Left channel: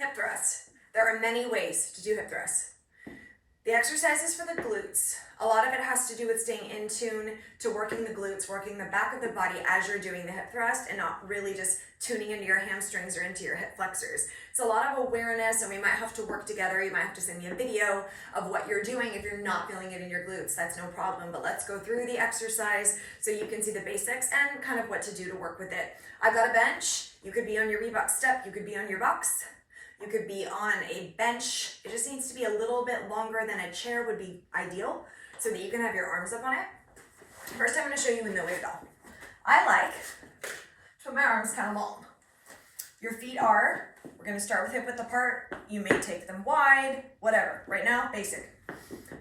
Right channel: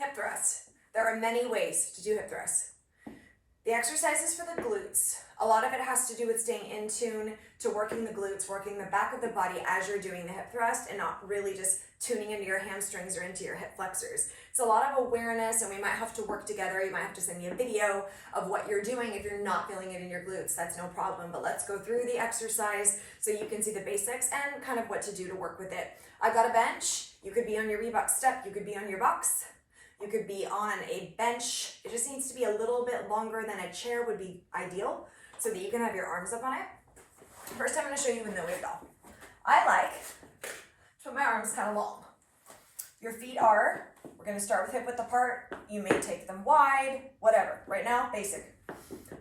Hip thrusts. There are many ways to do hip thrusts. The exercises for the glutes, a lot of it has to do with staying in tune to working the glutes, working the back of the body as you're doing the hip thrust and not really just tuning into your hamstrings or into your hip flexors. It's a lot of awareness, and we might have to work together. You might have to send me a video of what you're doing. If you're not feeling it in your glutes, that's no problem, but let's go through the exercise so you can see the basics and kind of what to do to work with it. I've got a bench. You could be on your Reebok step. You could be on your box. You could be on a bench. It just needs to be a little bit longer than a chair would be ideal so that you can have your arms up on it. First, I'm going to show you in the wave doll. I like to put my arms kind of long. Your feet are, we're going to start with hip width apart. You may take them wide, whatever. Right now, basic.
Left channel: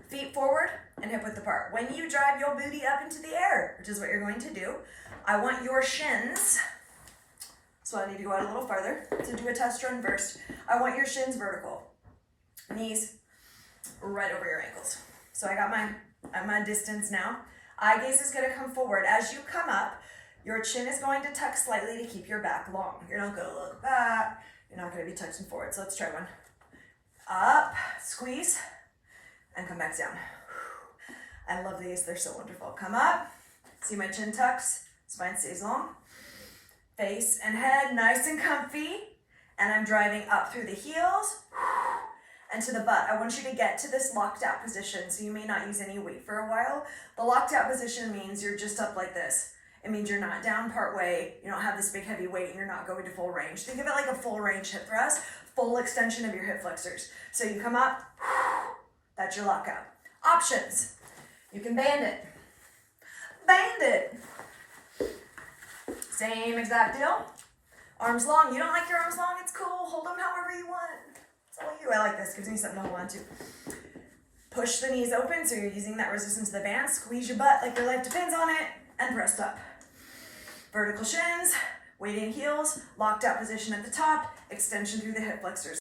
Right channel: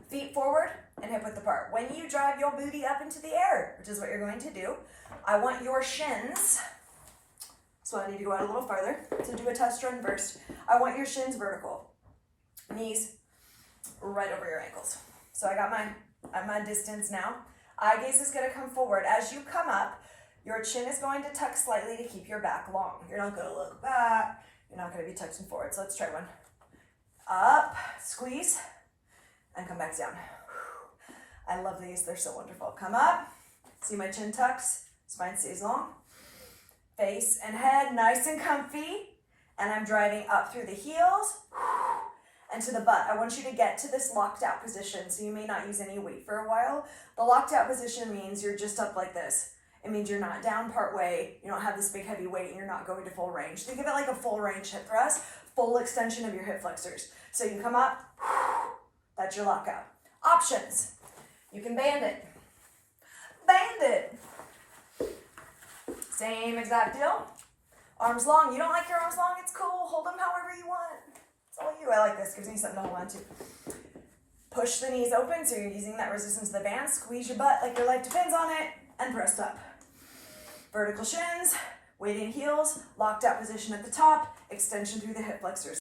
Feet forward and hip width apart. When you drive your booty up into the air, which is what you're going to do, I want your shins, so I need to go out a little farther to do a test run first. I want your shins vertical, knees right over your ankles. So I got my distance now. Eye gaze is gonna come forward. As you come up, your chin is going to tuck slightly to keep your back long. You're not gonna look back. You're not gonna be touching forward. So let's try one. Up, squeeze, and come back down. I love these, they're so wonderful. Come up, see my chin tucks, spine stays long. Face and head nice and comfy, and I'm driving up through the heels and to the butt. I want you to get to this locked out position, so you may not use any weight for a while. The locked out position means you're just up like this. It means you're not down part way, you don't have this big heavy weight, and you're not going to full range. Think of it like a full range hip thrust, full extension of your hip flexors. So you come up, that's your lockout. Options, you can band it. Band it. Same exact deal. Arms long. You don't like your arms long? It's cool. Hold them however you want. It's all you. I like this. Gives me something to hold on to. Push the knees open so you're using that resistance of the band. Squeeze your butt like your life depends on it. And pressed up. Vertical shins. Weight in heels. Locked out position at the top. Extension through the hip flexors.